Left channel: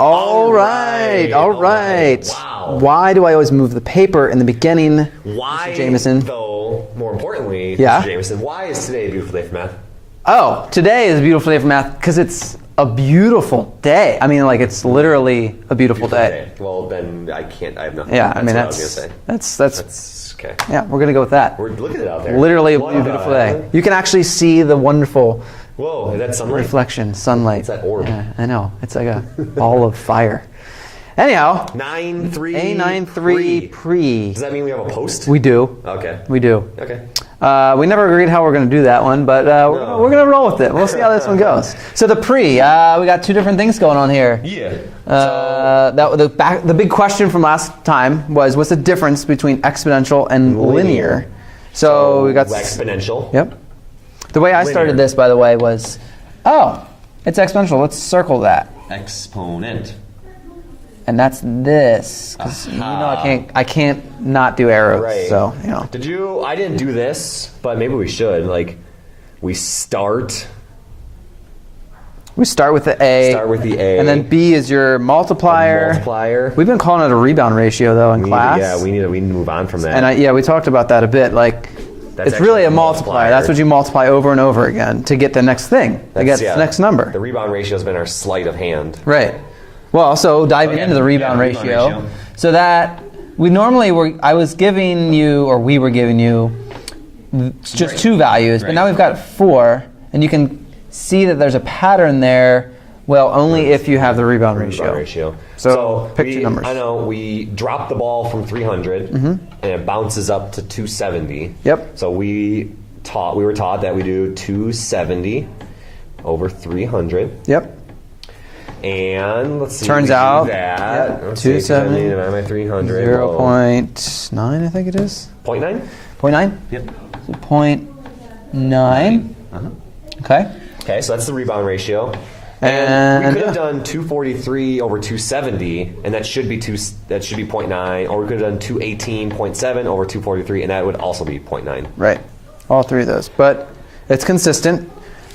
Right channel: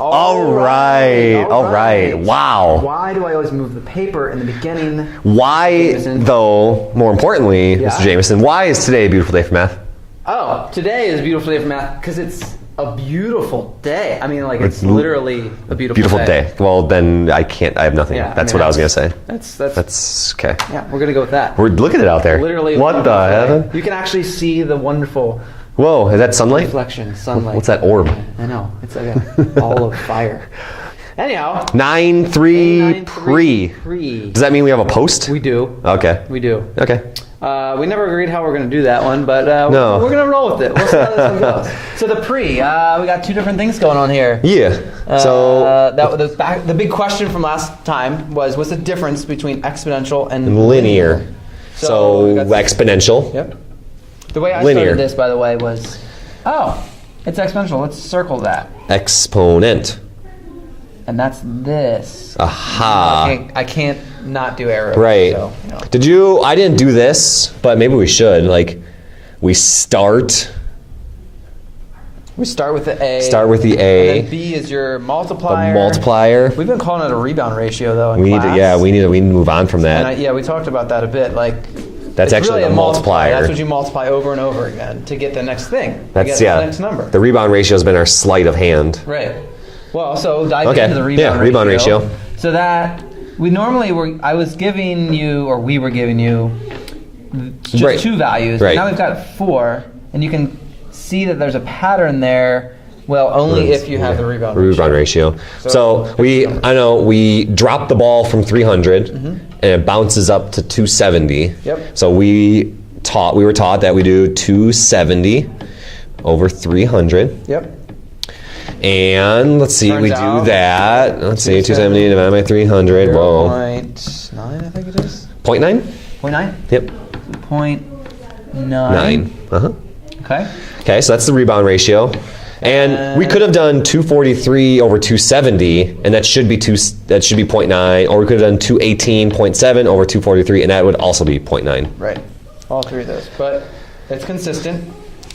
All right. Wow. Why do I always move the paper in the beginning? Why, Jameson? though, more importantly, Mr. Jameson, why is today a beautiful day for math? Oh, today is a beautiful day for math because it's a beautiful day. I mean, like, it's literally a beautiful day. Well, then I have nothing. Yeah, That's what I was going to say. That's okay. Yeah, we're going to go with that. Look at it out there. Literally, what the hell? You can actually see the wonderful Whoa, is that sunlight? reflection, sunlight. What's that orb? Yeah, I know. It's like a ball of fire. Anyhow. 9-3 pre. Does that mean we have a post? We do. Okay. We do. Okay. We never agreed how we're going to do that one, but we're going to roll with it. We'll see how this one goes. So the pre, we got two different things going on here. Yeah. So the big question from last time was, what's the difference between exponential and linear? So we got exponential. Yep. The way I started this, by the way, was, it's exponential. Let's circle that. Exponent. And that's this. Aha. I can't not do arrows. Right. So, I didn't do this, but maybe we should. Like, we start with the A. Start with the A. And then B is your multiplier. The multiplier. We've been calling it a rebound ratio, though, in class. We need to move on from that. And we talked about that a bit. Like, that's it's actually really a multiplier. That's what you multiply over and over again to get the next thing. To get the next number. The rebound ratio has been our sleight of hand. Right. Well, so dive into the rebound ratio. Rebound ratio. So that we were giving you just two values. But now we've got 4, and you can see that there's a pattern there. Well, only if you have the rebound ratio. So we dropped the ball from 300, and it bounces up to 270. Yep. So we were taught that we do 270 over 300. Yep. And let's see, we do that. Let's see, 270 divided by 300. 0.9, I think it is. 0.9? 0.9? Yep. 0.9. Okay. Okay, so that's the rebound ratio. And we could have done 243 over 270, and that should be 0.9, or we could have done 218.7 over 243, and that would also be 0.9. Right. All three of those. But it's consistent.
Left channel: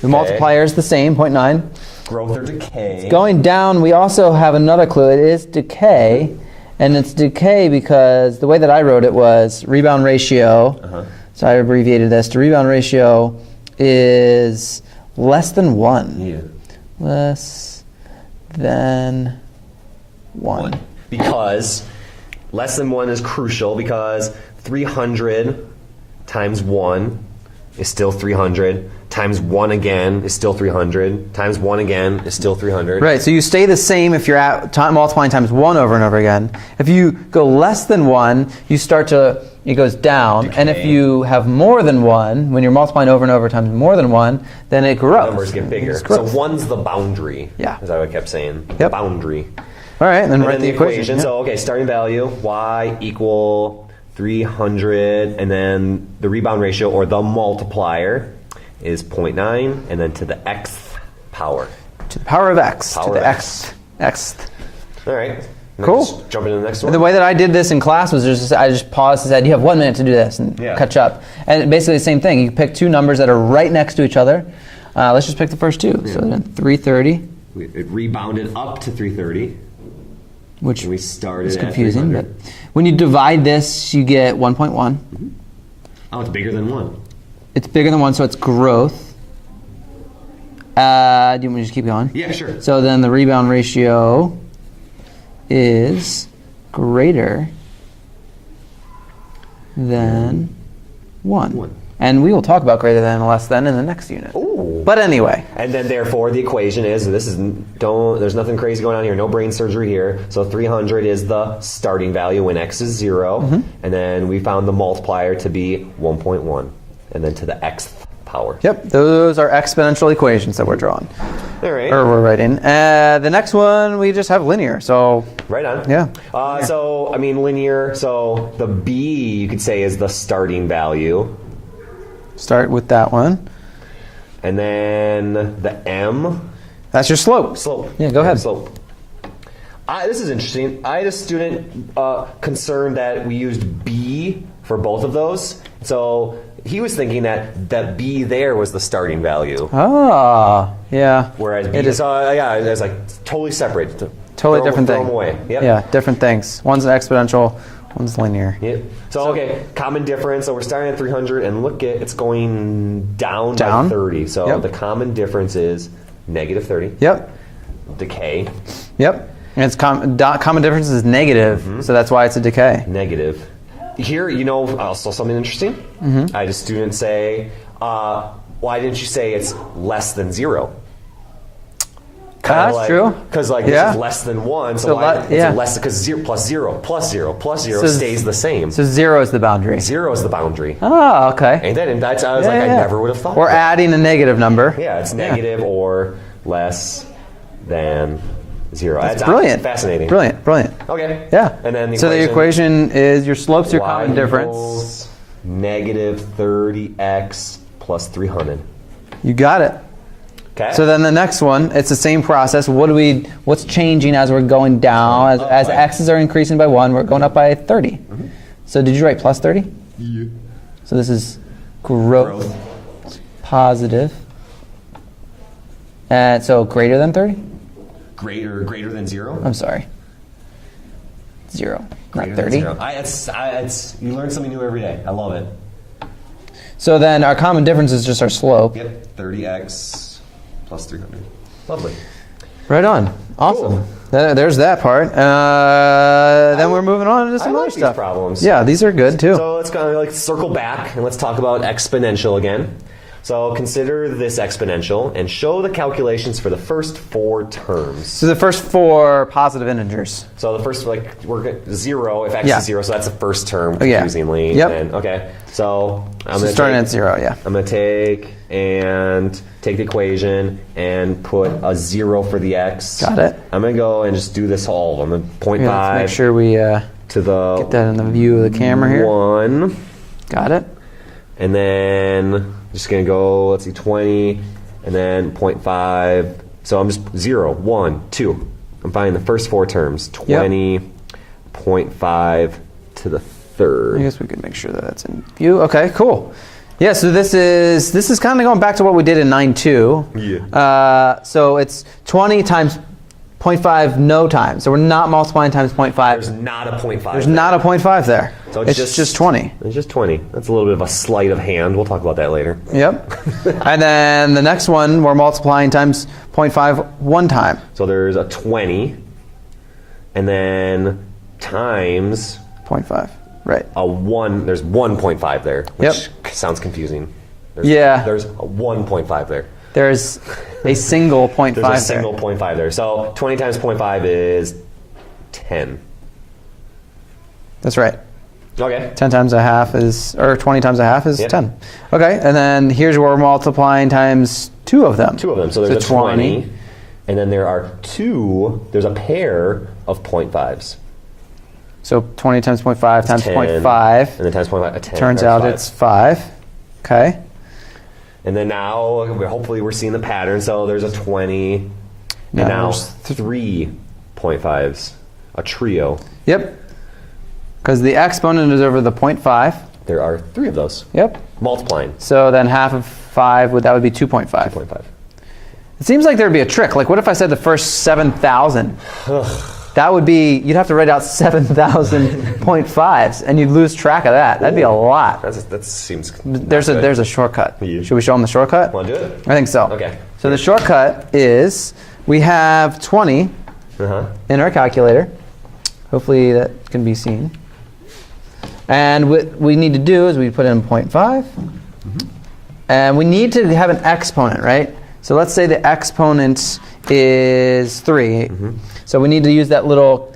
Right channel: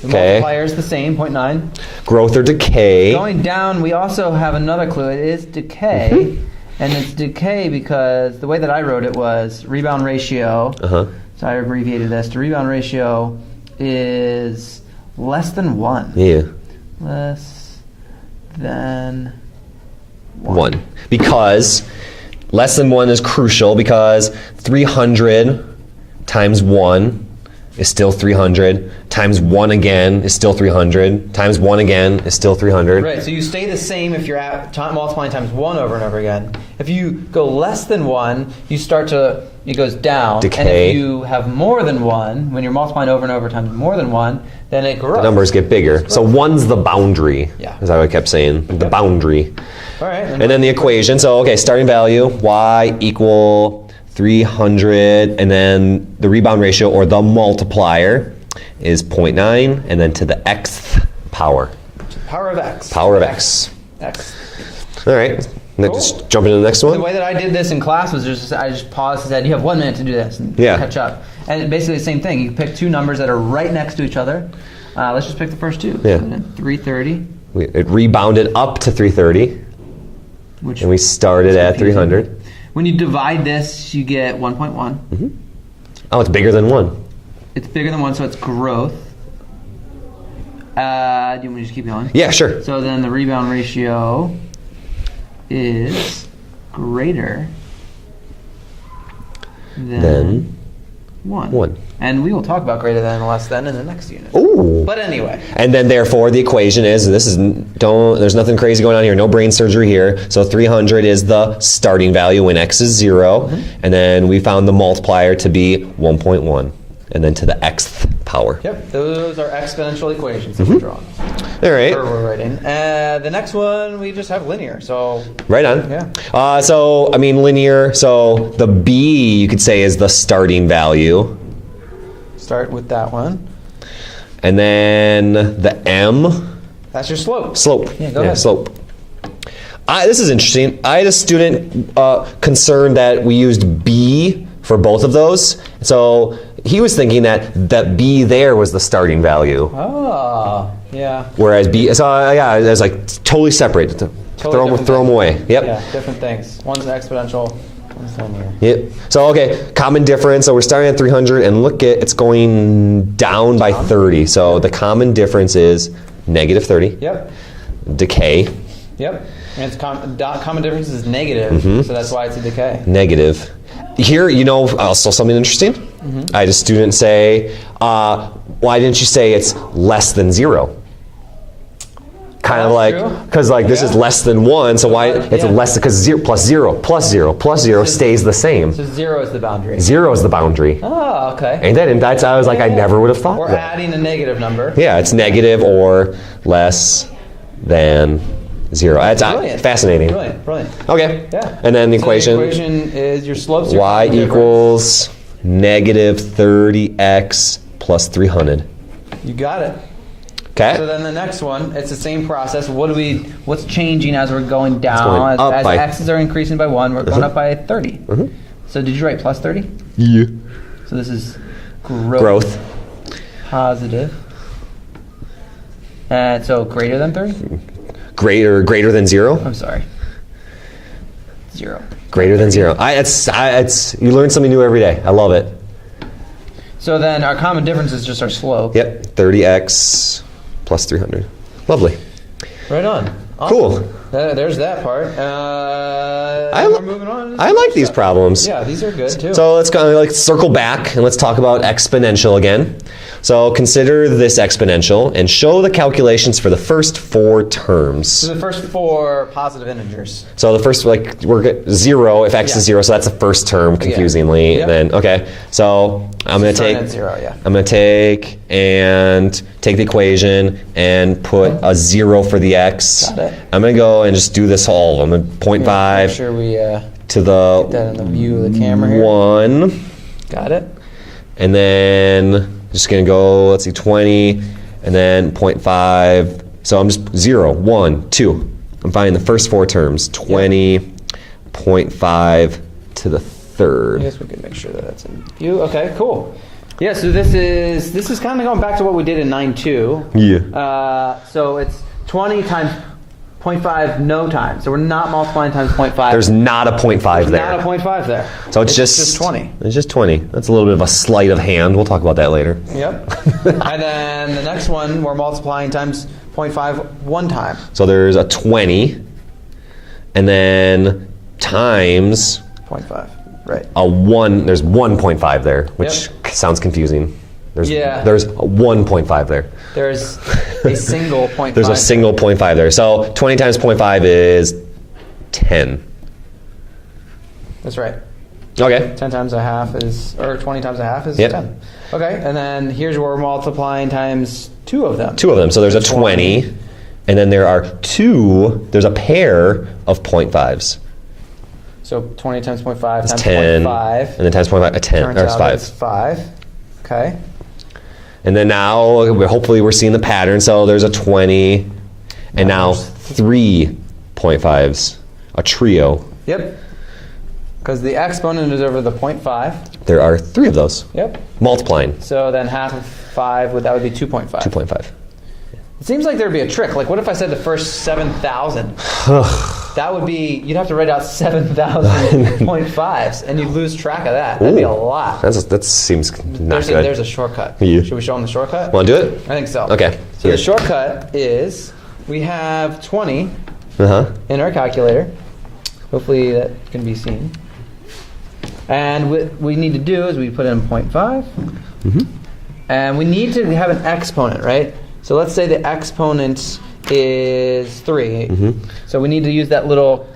The multiplier is the same, 0.9. Growth or decay. Going down, we also have another clue. It is decay. And it's decay because the way that I wrote it was rebound ratio. So I abbreviated this. The rebound ratio is less than 1. Yeah. Less than 1. Because less than 1 is crucial, because 300 times 1 is still 300, times 1 again is still 300, times 1 again is still 300. Right, so you stay the same if you're multiplying times 1 over and over again. If you go less than 1, it goes down. Decay. And if you have more than 1, when you're multiplying over and over times more than 1, then it grows. The numbers get bigger. So 1's the boundary, is how I kept saying, the boundary. All right. And then the equation. So, starting value, y equal 300, and then the rebound ratio, or the multiplier, is 0.9, and then to the xth power. To the power of x. Power of x. X. All right. Cool. Just jump into the next one. And the way that I did this in class was I just paused and said, you have 1 minute to do this, and catch up. And basically the same thing. You can pick two numbers that are right next to each other. Let's just pick the first two. Yeah. So then 330. It rebounded up to 330. And we started at 300. When you divide this, you get 1.1. Oh, it's bigger than 1. It's bigger than 1, so it's growth. Do you want me to just keep going? Yeah, sure. So then the rebound ratio is greater than 1. And we will talk about greater than and less than in the next unit. Ooh. But anyway. And then therefore the equation is, there's nothing crazy going on here, no brain surgery here. So 300 is the starting value when x is 0. And then we found the multiplier to be 1.1. And then to the xth power. Yep, those are exponential equations that we're drawing. All right. Or we're writing. The next one, we just have linear, so. Right on. Yeah. Linear, so the b, you could say, is the starting value. Start with that one. And then the m. That's your slope. Slope. Yeah, go ahead. Slope. This is interesting. I had a student concerned that we used b for both of those. So he was thinking that b there was the starting value. Ah, yeah. Whereas b, it was like totally separate. Totally different throw thing. them away. Yep. Yeah, different things. One's exponential, one's linear. Yep. So, okay, common difference. So we're starting at 300, and look at it's going down by 30. So the common difference is negative 30. Yep. Decay. Yep. And it's common difference is negative, so that's why it's a decay. Negative. Here, you know, also something interesting. I had a student say, why didn't you say it's less than 0? Kind of like, because like this is less than 1, so why it's less, because 0 plus 0 plus 0 plus 0 stays the same. So 0 is the boundary. 0 is the boundary. Oh, okay. And that's I was like, I never would have thought. Or adding a negative number. Yeah, it's negative or less than 0. That's brilliant. Fascinating. Brilliant. Okay. Yeah. And then the equation. So the equation is your slopes are y common equals negative 30x plus 300. You got it. Okay. So then the next one, it's the same process. What's changing as we're going down? As x's are increasing by 1, we're going up by 30. So did you write plus 30? Yeah. So this is growth. Positive. And so greater than 30? Greater than 0? I'm sorry. 0. Greater than 0. You learn something new every day. I love it. So then our common difference is just our slope. Yep. 30x plus 300. Lovely. Right on. Awesome. Cool. There's that part. And we're moving on to some I like other these stuff. problems. Yeah, these are good too. So let's go circle back and let's talk about exponential again. So consider this exponential and show the calculations for the first 4 terms. So the first 4 positive integers. So the first, like, we're 0 if x is 0, so that's the first term, confusingly. Yep. And then, okay, so I'm going to take at 0, yeah. I'm going to take the equation and put a 0 for the x. Got it. I'm going to go and just do this all of them. 0.5 Make sure we to the get that in the view of the camera here. 1. Got it. And then just going to go, let's see, 20, and then 0.5. So I'm just 0, 1, 2. I'm finding the first 4 terms. 20, 0.5 to the 3rd. I guess we could make sure that that's in view. Okay, cool. Yeah, so this is kind of going back to what we did in 9.2. Yeah. So it's 20 times 0.5 no times. So we're not multiplying times 0.5. There's not a 0.5 there. There's not a 0.5 there. So it's just 20. It's just 20. That's a little bit of a sleight of hand. We'll talk about that later. Yep. And then the next one, we're multiplying times 0.5 one time. So there's a 20, and then times 0.5. Right. a 1. There's 1.5 there, which sounds confusing. There's a 1.5 there. There's a single 0.5. There's a single 0.5 there. So 20 times 0.5 is 10. That's right. Okay. 10 times a half is, or 20 times a half is 10. Okay, and then here's where we're multiplying times 2 of them. 2 of them. So there's a 20, and then there's a pair of 0.5s. So 20 times 0.5 times 10, 0.5. and then times 0.5, a 10. Turns out 5. it's 5. Okay. And then now, hopefully we're seeing the pattern. So there's a 20, and now 3 0.5s, a trio. Yep. Because the exponent is over the 0.5. There are 3 of those. Yep. Multiplying. So then half of 5, that would be 2.5. 2.5. It seems like there would be a trick. Like, what if I said the first 7,000? That would be, you'd have to write out 7,000 0.5s, and you'd lose track of that. That'd be a lot. That seems There's a shortcut. Yeah. Should we show them the shortcut? Want to do it? I think so. Okay. So the shortcut is, we have 20 in our calculator. Hopefully that can be seen. And what we need to do is we put in 0.5. And we need to have an exponent, right? So let's say the exponent is 3. So we need to use that little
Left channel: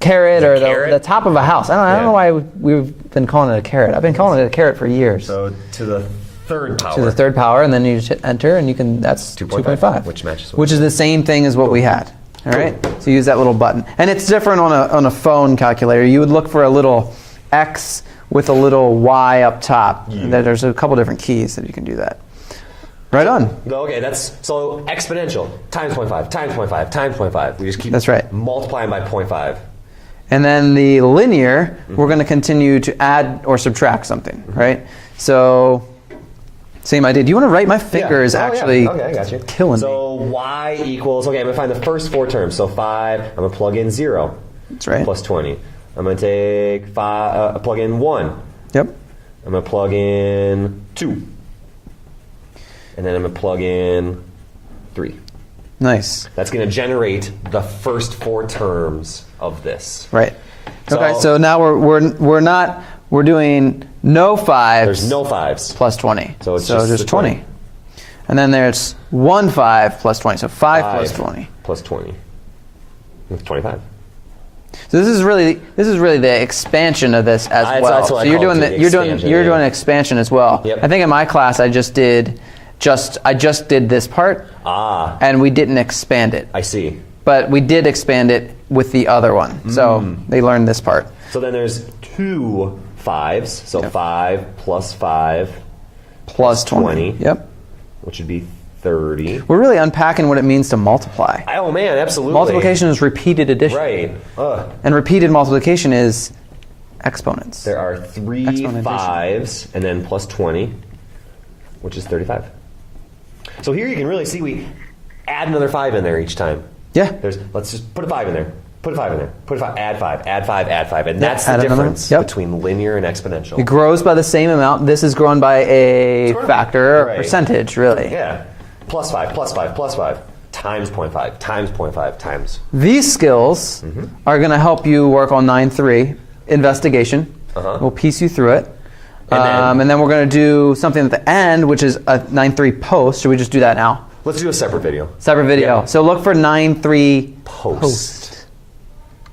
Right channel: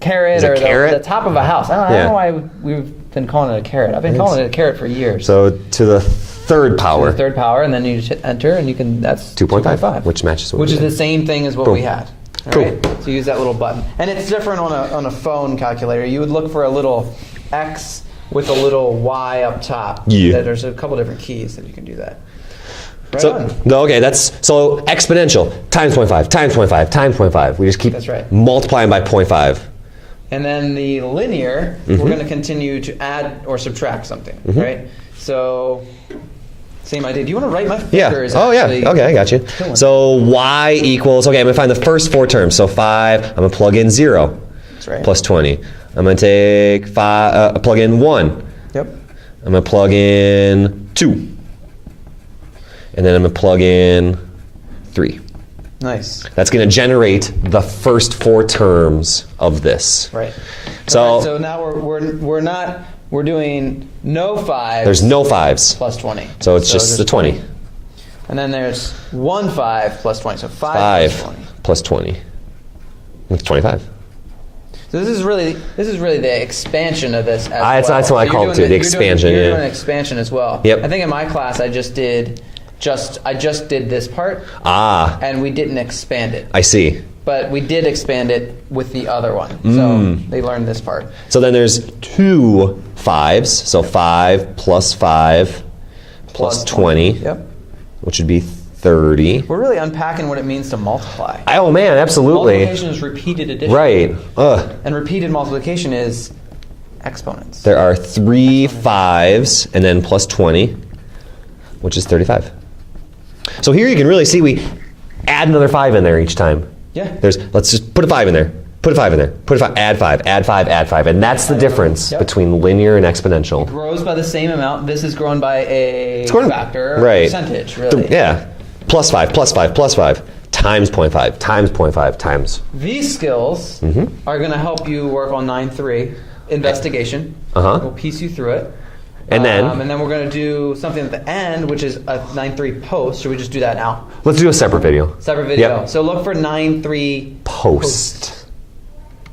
carrot or the top of a house. I don't know why we've been calling it a carrot. I've been calling it a carrot for years. So to the 3rd power. To the 3rd power, and then you just hit enter, and you can, that's 2.5. Which matches what which is the same thing as what we had. All Cool. right? So use that little button. And it's different on a phone calculator. You would look for a little X with a little Y up top. Yeah. There's a couple different keys that you can do that. Right on. Okay, so exponential times 0.5 times 0.5 times 0.5. We just keep multiplying by 0.5. And then the linear, we're going to continue to add or subtract something, right? So Same idea. Do you want to write my fingers? Oh, actually yeah. Okay, I got you. So y equals, okay, I'm going to find the first 4 terms. So 5, I'm going to plug in 0. That's right. Plus 20. I'm going to take 5, plug in 1. Yep. I'm going to plug in 2. And then I'm going to plug in 3. Nice. That's going to generate the first 4 terms of this. Right. So, okay, so now we're doing no 5s. There's no 5s. Plus 20. So it's just the 20. And then there's 1 5 plus 20. So 5 plus 20. Plus 20. It's 25. So this is really the expansion of this as well. That's what I call it, the expansion. You're doing an expansion as well. Yep. I think in my class I just did this part. And we didn't expand it. I see. But we did expand it with the other one. So they learned this part. So then there's 2 5s. So 5 plus 5 plus 20. Yep. Which would be 30. We're really unpacking what it means to multiply. Oh man, absolutely. Multiplication is repeated addition. Right. And repeated multiplication is exponents. There are 3 5s and then plus 20, which is 35. So here you can really see we add another 5 in there each time. Yeah. Let's just put a 5 in there. Put a 5 in there. Put a 5. Add 5. Add 5. Add 5. And that's the difference between linear and exponential. It grows by the same amount. This is grown by a factor or percentage, really. Yeah. Plus 5. Plus 5. Plus 5. Times 0.5. Times 0.5. Times. These skills are going to help you work on 9-3 investigation. We'll piece you through it. And then we're going to do something at the end, which is a 9-3 post. Should we just do that now? Let's do a separate video. Separate video. Yep. So look for 9-3 post.